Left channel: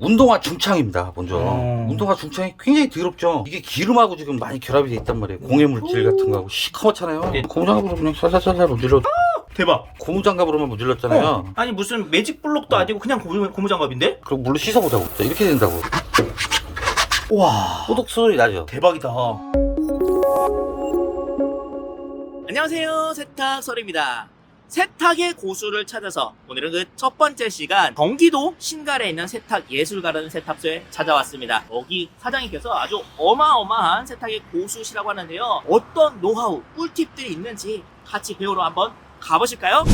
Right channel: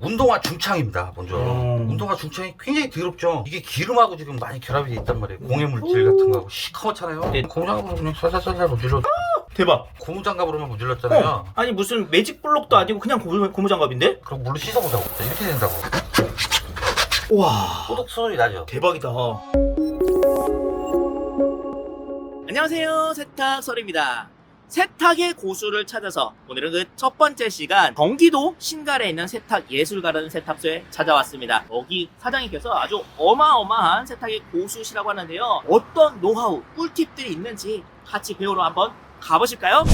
운동화 중창입니다. 먼저 운동화 중창이 굉장히 더럽죠. 이게 기름하고 지금 많이 결합이 돼 있단 말이에요. 공해 물질 같은 거하고 시커멓잖아요. 네. 고무장갑으로 그냥 살살살살 문질러. 대박. 고무장갑으로만 문질렀잖아요. 아니 무슨 매직 블록도 아니고 그냥 고무장갑인데? 그리고 물로 씻어보자고. 자, 이렇게 된다고. 와, 꼬득 소리 나죠. 대박이다. 안녕하세요, 세탁설입니다. 세탁의 고수를 찾아서 오늘은 그 첫 번째 시간 경기도 신갈에 있는 세탁예술가라는 세탁소에 찾아왔습니다. 여기 사장님께서 아주 어마어마한 세탁의 고수시라고 하는데요. 어떤 노하우, 꿀팁들이 있는지 같이 배우러 한번 가보실까요?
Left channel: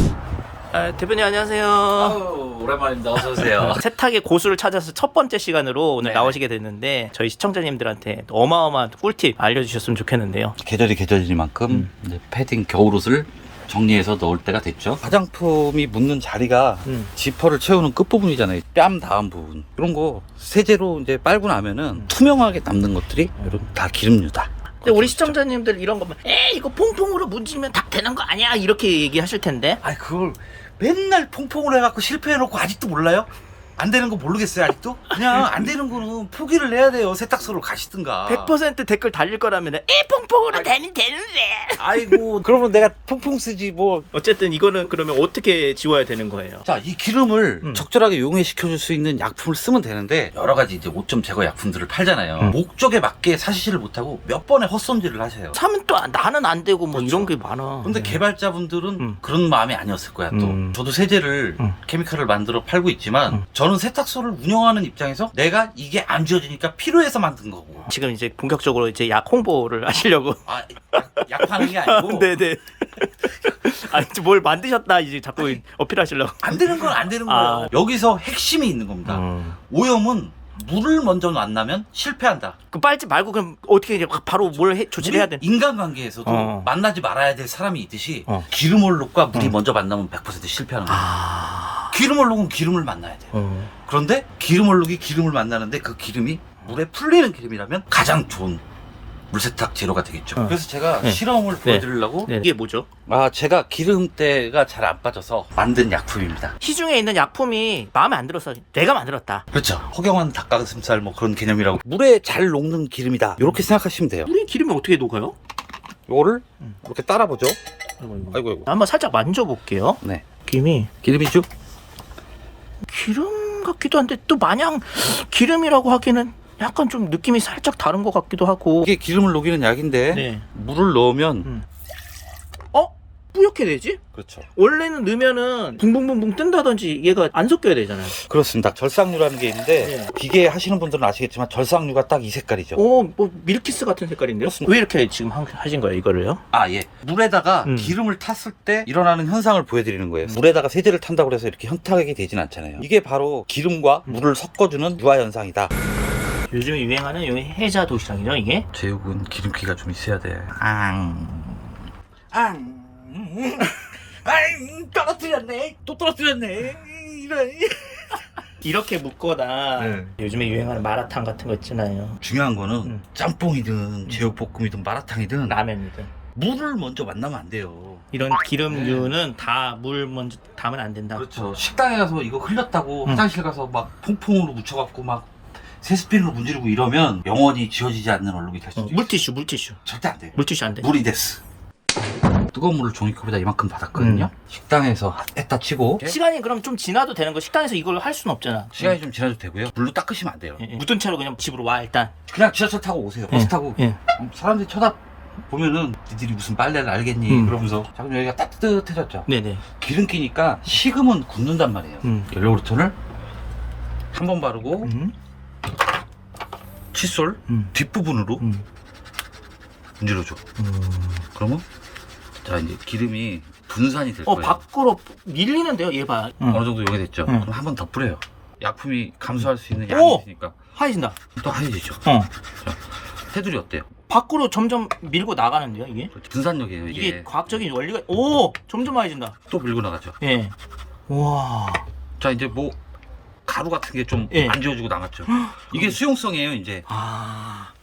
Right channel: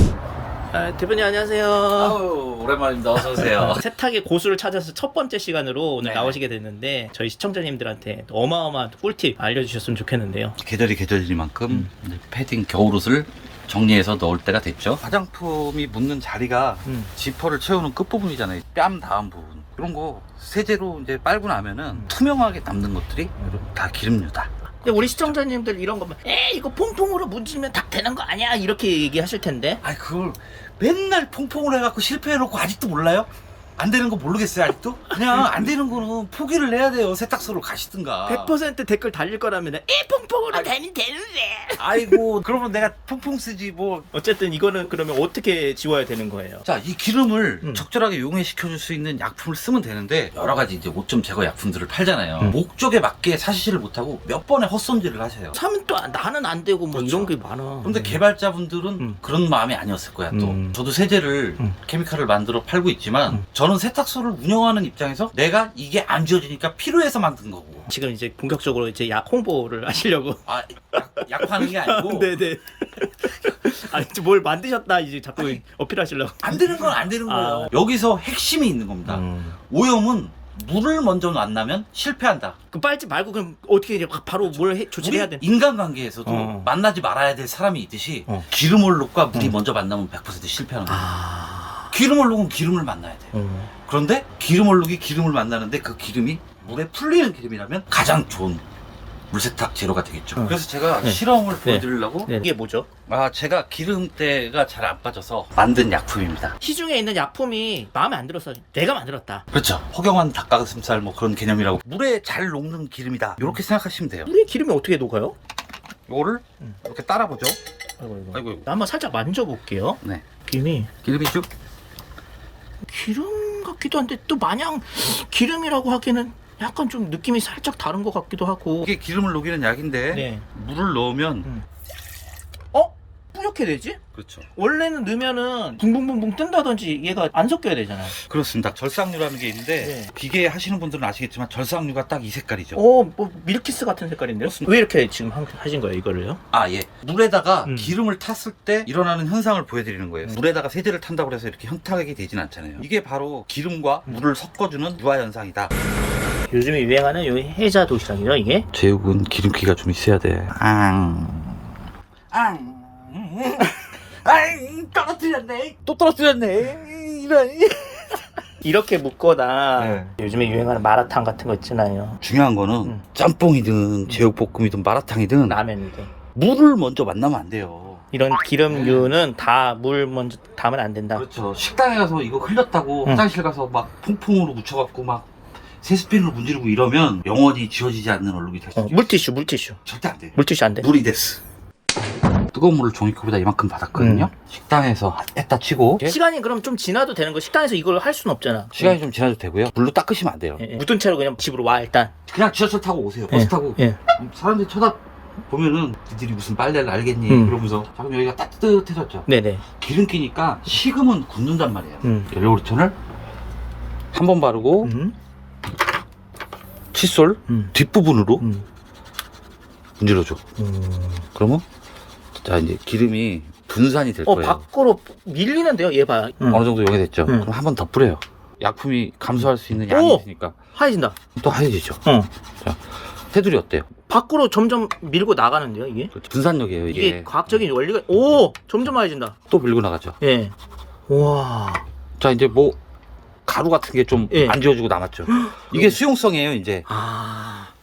대표님 안녕하세요. 아유, 오랜만입니다. 어서오세요. 세탁의 고수를 찾아서 첫 번째 시간으로 오늘 네네. 나오시게 됐는데 저희 시청자님들한테 어마어마한 꿀팁 알려주셨으면 좋겠는데요. 계절이 계절이니만큼 이제 패딩 겨울옷을 정리해서 넣을 때가 됐죠. 화장품이 묻는 자리가 지퍼를 채우는 끝부분이잖아요. 뺨 닿은 부분. 그런 거 세제로 이제 빨고 나면은 투명하게 남는 것들이 다 기름류다. 근데 우리 시청자님들 이런 거면 이거 퐁퐁으로 문지면 다 되는 거 아니야? 이렇게 얘기하실 텐데. 아니, 그걸 맨날 퐁퐁으로 해갖고 실패해놓고 아직도 몰라요? 안 되는 거 모르겠어요, 아직도? 그냥 안 되는 거는 포기를 해야 돼요. 세탁소로 가시든가. 100% 댓글 달릴 거라면 퐁퐁으로 되는데. 아이고, 그러면 내가 퐁퐁 쓰지 뭐. 어쨌든 이거는 그러면 어떻게 지워야 되는 거예요? 자, 이 기름을 적절하게 용해시켜줄 수 있는 약품을 쓰면 되는데 여러 가지 이제 오점 제거 약품들을 팔잖아요. 목적에 맞게 사시지를 못하고 몇 번의 헛손질을 하세요. 사면 또 나는 안 되고 뭐 그렇죠. 이런 게 많아. 그런데 개발자분들은 그런 마음이 아니었을 거야, 또. 저도 세제를, 케미칼을 만들어 팔고 있지만, 저는 세탁소를 운영하는 입장에서 내가 이게 안 지워지니까 필요해서 만든 거고. 지금 이제 본격적으로 이제 약 홍보를 하시려고. 아, 약 파는 게 아니고. 네네. 아니 뭘 만드셨다 이제 자꾸 어필하시려고. 안 되는 건 안 되는 거예요. 여기서 핵심이 있는 겁니다. 오염은 물을 먼저 만나면 실패한다. 그 빨지 말고 그럼 어떻게 이제 바로 뭘 조치를 해야 돼? 인간관계에서도 만나지 말아야 될 사람이 있듯이 기름 얼룩과 물이 먼저 만나면 100% 실패하는 거예요. 기름 얼룩은 기름을 만나야 돼요. 그런데 기름 얼룩이 기름을 만나는데 그 기름이 물에 풀리는 기름이라면 가장 좋은 물세탁 재료가 되겠죠. 그래서 제가 실험을 보여드리려고 네. 이게 뭐죠? 제가 기름때가 잘 안 빠져서 만든 약품입니다. 시중에 있는 약품이 마음에 안 들어서 내가 만들었다. 그렇죠. 허경환 닭가슴살 뭐 그런 개념이라고. 물에 잘 녹는 기름이다. 이렇게 생각하시면 돼요. 우리 기름이 어떻게 녹아요? 이거를 이렇게 따라보죠. 아이고. 아이고. 한번 살짝 만져볼게요. 네. 기름이 기름이죠? 기름 같기도 한데 또 마냥 기름이라고 하기는 약간 좀 느낌이 살짝 다른 것 같기도 하고. 이게 기름을 녹이는 약인데 네. 물을 넣으면 뿌옇게 되지? 그렇죠. 원래는 넣으면은 붕붕붕붕 뜬다든지 얘가 안 섞여야 되잖아요. 그렇습니다. 절삭류라는 게 있는데 네. 기계 하시는 분들은 아시겠지만 절삭류가 딱 이 색깔이죠. 뭐 밀키스 같은 색깔인데요? 그렇습니다. 왜 이렇게 지금 하신 거예요, 이거를요? 예. 물에다가 기름을 탔을 때 일어나는 현상을 보여드리는 거예요. 물에다가 세제를 탄다고 해서 이렇게 현타하게 되진 않잖아요. 이게 바로 기름과 물을 섞어주는 유화 현상이다. 요즘에 유행하는 요 해자 도시락이죠, 이게? 제육은 기름기가 좀 있어야 돼. 떨어뜨렸네. 또 떨어뜨렸네. 이런. 이렇게 묶거나 요즘에 유행하는 마라탕 같은 거 있잖아요. 중요한 거는 짬뽕이든 제육볶음이든 마라탕이든 라면이든. 물을 먼저 만나면 안 돼요. 이런 기름류는 다 물 먼저 담으면 안 된다. 그렇죠. 식당에 가서 이거 흘렸다고 화장실 가서 막 퐁퐁으로 묻혀갖고 막 세스핀으로 문지르고 이러면 영원히 지워지지 않는 얼룩이 될 수 있어요. 물티슈. 절대 안 돼. 물티슈 안 돼. 물이 됐어. 뜨거운 물을 종이컵에다 이만큼 받았거든요. 식당에서 했다 치고 시간이 그럼 좀 지나도 되는 거? 식당에서 이걸 할 수는 없잖아. 시간이 좀 지나도 되고요. 물로 닦으시면 안 돼요. 묻은 채로 그냥 집으로 와, 일단. 그냥 지하철 타고 오세요. 버스 타고 사람들이 쳐다보면은 니들이 무슨 빨래를 알겠니? 그러면서 자, 그럼 여기가 따뜻해졌죠. 네네. 기름기니까 식으면 굳는단 말이에요. 연료그루톤을 한 번 바르고 칫솔 뒷부분으로 문질러줘. 그러면 자 이제 기름이 분산이 될 거예요. 밖으로 밀리는데요, 얘 봐. 어느 정도 용해됐죠. 그럼 한 번 더 뿌려요. 약품이 감소할 수 있는 양이 있으니까 하얘진다. 또 하얘지죠. 자, 테두리 어때요? 밖으로 점점 밀고 나가는데요, 이게? 분산력이에요 이게. 이게 과학적인 원리가, 점점 하얘진다. 또 밀고 나가죠. 예. 와. 자 이제 뭐 가루 같은 게 좀 안 지워지고 남았죠. 이게 수용성이에요 이제.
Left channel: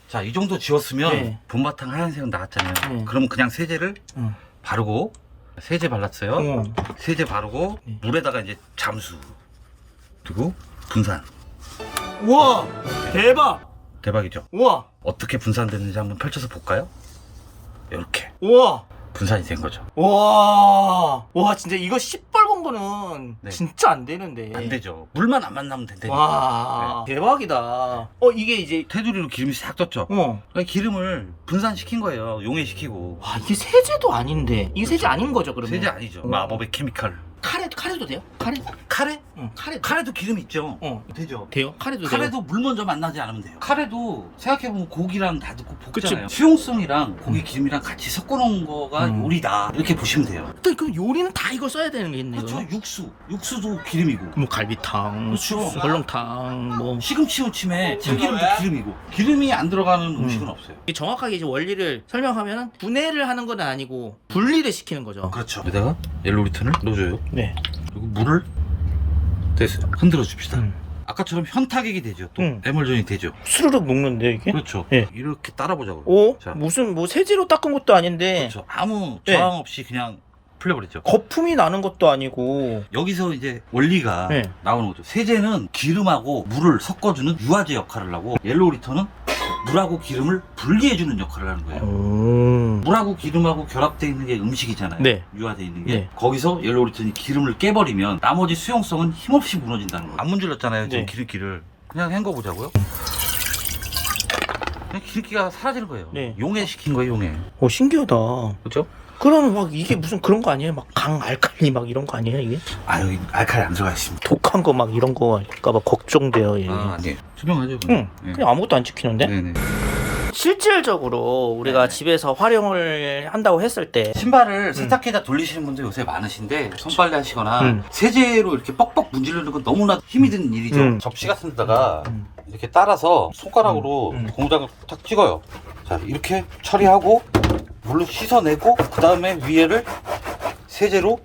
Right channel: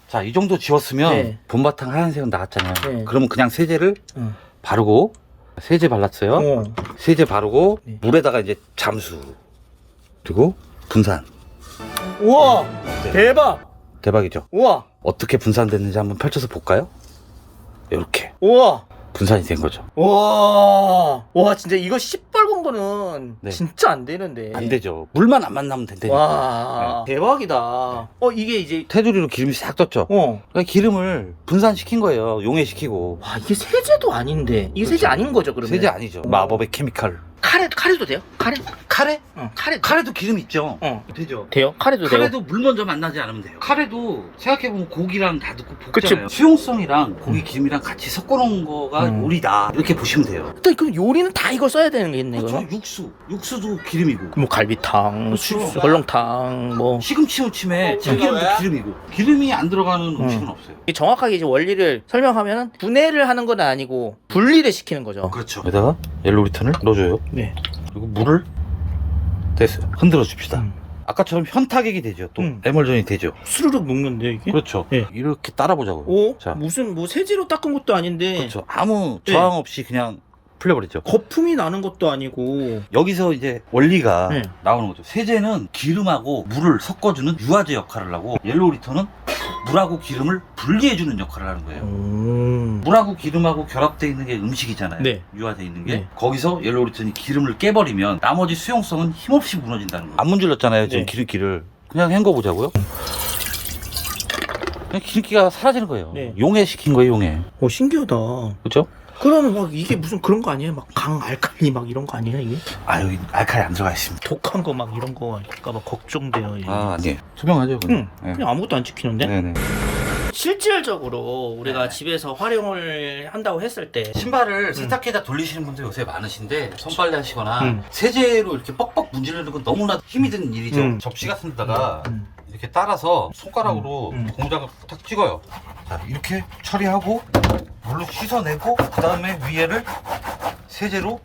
자, 이 정도 지웠으면 본바탕 하얀색은 나왔잖아요. 그러면 그냥 세제를 바르고 세제 발랐어요. 세제 바르고 물에다가 이제 잠수 그리고 분산. 우와 대박. 대박이죠. 우와 어떻게 분산됐는지 한번 펼쳐서 볼까요? 이렇게 우와 분산이 된 거죠. 와 진짜 이거 시뻘건 거는 네. 진짜 안 되는데. 안 되죠. 물만 안 만나면 된다니까. 와 대박이다. 이게 이제 테두리로 기름이 싹 떴죠. 그러니까 기름을 분산시킨 거예요. 용해시키고. 와 이게 세제도 아닌데 이게 세제 아닌 거죠 그러면? 세제 아니죠. 마법의 케미칼. 카레도 돼요? 카레? 카레? 카레도 기름 있죠. 되죠. 돼요? 카레도 돼요? 카레도 물 먼저 만나지 않으면 돼요. 카레도 생각해보면 고기랑 다 넣고 그치. 볶잖아요. 수용성이랑 고기 기름이랑 같이 섞어놓은 거가 요리다. 이렇게 보시면 돼요. 또 그럼 요리는 다 이거 써야 되는 게 있네. 그렇죠. 육수도 기름이고. 뭐 갈비탕, 그렇죠. 설렁탕, 뭐 시금치 무침에 참기름도 기름이고. 기름이 안 들어가는 음식은 없어요. 정확하게 이제 원리를 설명하면 분해를 하는 건 아니고 분리를 시키는 거죠. 그렇죠. 여기다가 옐로우리턴을 넣어줘요. 네. 그리고 물을 됐어요. 흔들어 줍시다. 아까처럼 현타격이 되죠. 또 에멀전이 되죠. 스르륵 녹는데 이게? 그렇죠. 네. 이렇게 따라보자고요. 오? 자. 무슨 뭐 세제로 닦은 것도 아닌데 그렇죠. 아무 네. 저항 없이 그냥 풀려버리죠. 거품이 나는 것도 아니고. 여기서 이제 원리가 네. 나오는 거죠. 세제는 기름하고 물을 섞어주는 유화제 역할을 하고 옐로우 리턴은 물하고 기름을 분리해주는 역할을 하는 거예요. 물하고 기름하고 결합되어 있는 게 음식이잖아요. 네. 유화되어 있는 게. 네. 거기서 옐로우 리턴이 기름을 깨버리면 나머지 수용성은 힘없이 무너진다는 거예요. 안 문질렀잖아요. 지금 네. 기름기를. 그냥 헹궈보자고요. 그냥 기름기가 사라지는 거예요. 네. 용해시킨 거예요, 용해. 신기하다. 그렇죠? 그러면 막 이게 무슨 그런 거 아니에요? 막 강 알칼리 막 이런 거 아니에요 이게? 아, 여기 알칼리 안 들어가 있습니다. 독한 거 막 이런 거 아닐까봐 걱정돼요 이게. 아니에요. 투명하죠. 응. 네. 그냥 아무것도 안 찍히는데? 네네. 실질적으로 우리가 네. 집에서 활용을 한다고 했을 때 신발을 세탁기에다 돌리시는 분들 요새 많으신데 손빨래 하시거나 음. 세제로 이렇게 뻑뻑 문지르는 건 너무나 힘이 드는 일이죠. 음. 접시 같은 데다가 이렇게 따라서 손가락으로 고무장을 탁 찍어요. 자, 이렇게 처리하고 물로 씻어내고 그 다음에 위에를 세제로.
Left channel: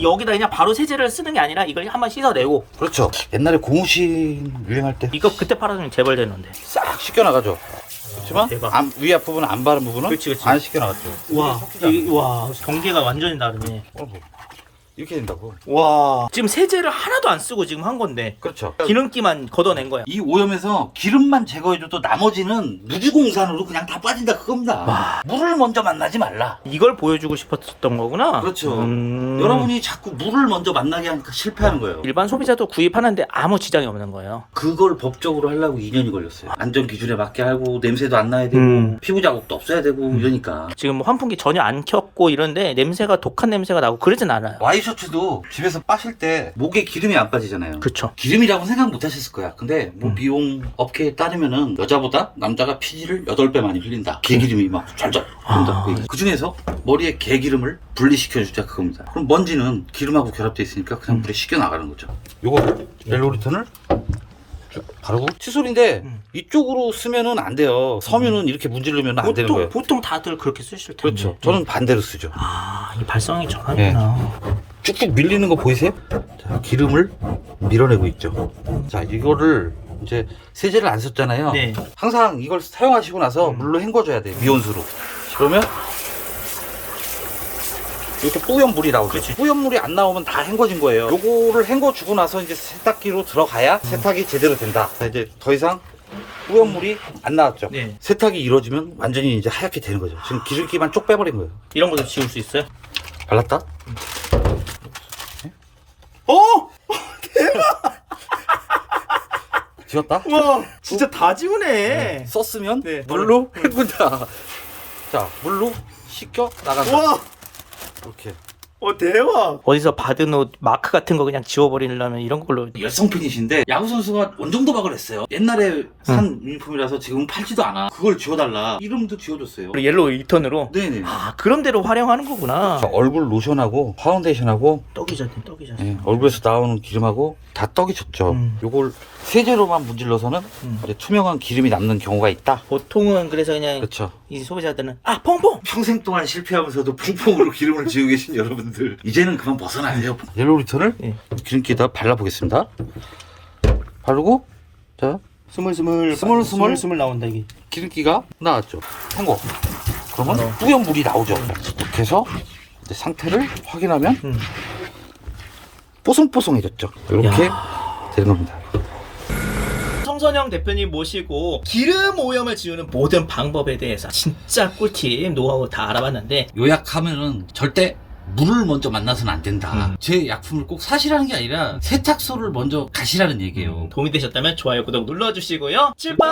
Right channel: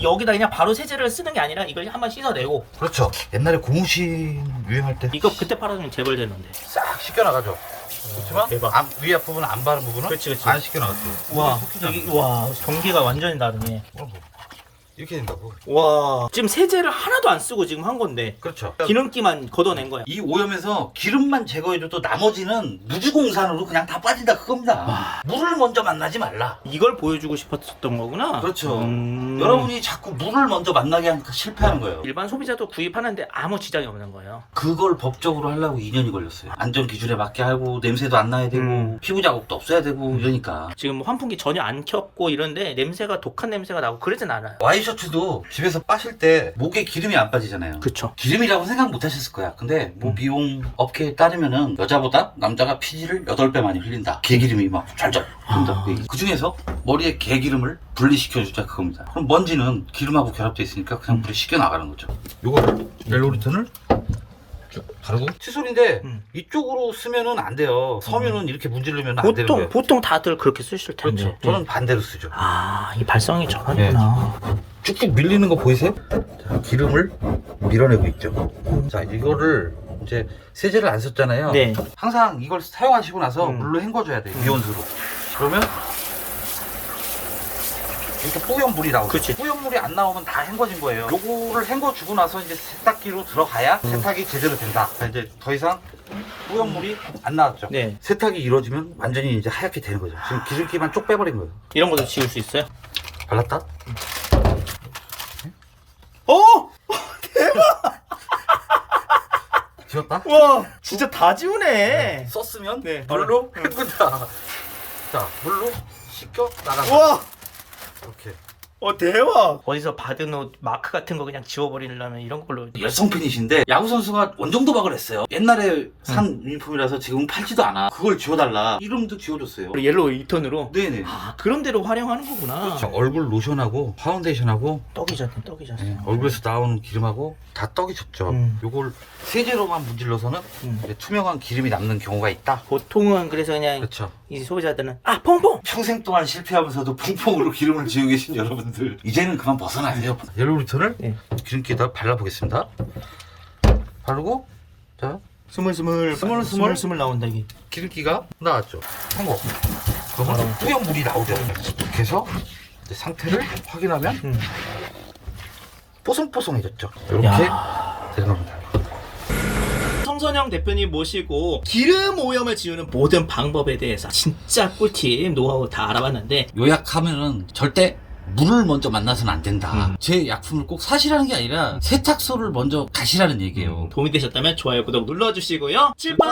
여기다 그냥 바로 세제를 쓰는 게 아니라 이걸 한번 씻어내고. 그렇죠. 옛날에 고무신 유행할 때 이거 그때 팔아주면 재벌 되는데. 싹 씻겨나가죠. 그렇지만 대박. 위 앞부분 안 바른 부분은 그렇지. 안 씻겨나갔대요. 와 경계가 완전히 다르네. 이렇게 된다고. 와 지금 세제를 하나도 안 쓰고 지금 한 건데 그렇죠. 기름기만 걷어낸 거야. 이 오염에서 기름만 제거해줘도 나머지는 무주공산으로 그냥 다 빠진다 그겁니다. 물을 먼저 만나지 말라. 이걸 보여주고 싶었던 거구나. 그렇죠. 여러분이 자꾸 물을 먼저 만나게 하니까 실패하는 거예요. 일반 소비자도 구입하는데 아무 지장이 없는 거예요. 그걸 법적으로 하려고 2년이 걸렸어요. 안전 기준에 맞게 하고 냄새도 안 나야 되고 피부 자국도 없어야 되고 이러니까. 지금 환풍기 전혀 안 켰고 이런데 냄새가 독한 냄새가 나고 그러진 않아요. 와이셔츠도 집에서 빠실 때 목에 기름이 안 빠지잖아요. 그렇죠. 기름이라고 생각 못 하셨을 거야. 근데 뭐 미용 업계에 따르면은 여자보다 남자가 피지를 8배 많이 흘린다. 개기름이 막 잘 흐른다. 그 중에서 머리에 개기름을 분리시켜주자 그겁니다. 그럼 먼지는 기름하고 결합되어 있으니까 그냥 물에 씻겨 나가는 거죠. 요거를 옐로우리턴을 바르고 칫솔인데 이쪽으로 쓰면은 안 돼요. 서면은 이렇게 문지르면 안 되는 거예요. 보통 다들 그렇게 쓰실 텐데. 그렇죠. 저는 반대로 쓰죠. 이 발상의 전환이구나. 쭉쭉 밀리는 거 보이세요? 자, 기름을 밀어내고 있죠. 자, 이거를 이제 세제를 안 썼잖아요. 네. 항상 이걸 사용하시고 나서 물로 헹궈줘야 돼요. 미온수로. 그러면 이렇게 뿌연 물이 나오죠. 그치. 뿌연 물이 안 나오면 다 헹궈진 거예요. 요거를 헹궈주고 나서 이제 세탁기로 들어가야 세탁이 제대로 된다. 자, 이제 더 이상 뿌연 물이 안 나왔죠. 네. 세탁이 이루어지면 완전히 이제 하얗게 되는 거죠. 지금 기름기만 쪽 빼버린 거예요. 이런 것도 지울 수 있어요? 발랐다? 지웠다? 와 진짜 다 지우네. 썼으면 네, 물로 헹군다. 자, 물로 씻겨 나간다. 와 이렇게. 대박. 어디서 받은 옷 마크 같은 거 그냥 지워버리려면 이런 걸로. 열성 팬이신데 야구 선수가 원정 도박을 했어요. 옛날에 산 유니폼이라서 지금 팔지도 않아. 그걸 지워달라. 이름도 지워줬어요. 옐로우 리턴으로. 네네. 그런 대로 활용하는 거구나. 자, 얼굴 로션하고 파운데이션하고 떡이 졌네. 얼굴에서 나오는 기름하고 다 떡이 졌죠. 요걸 세제로만 문질러서는 이제 투명한 기름이 남는 경우가 있다. 보통은 그래서 그냥 그렇죠. 이 소비자들은 퐁퐁. 평생 동안 실패하면서도 퐁퐁으로 기름을 지우고 계신 여러분들 이제는 그만 벗어나세요. 옐로우 리턴을 네. 기름기에다 발라보겠습니다. 바르고 자 스물스물 나온다 이게. 기름기가 나왔죠. 헹궈. 그러면 뿌연 물이 나오죠. 이렇게 해서 이제 상태를 확인하면 뽀송뽀송해졌죠. 이렇게 되는 겁니다. 홍선영 대표님 모시고 기름 오염을 지우는 모든 방법에 대해서 진짜 꿀팁 노하우 다 알아봤는데, 요약하면은 절대 물을 먼저 만나서는 안 된다. 제 약품을 꼭 사시라는 게 아니라 세탁소를 먼저 가시라는 얘기예요. 도움이 되셨다면 좋아요, 구독 눌러주시고요. 출발!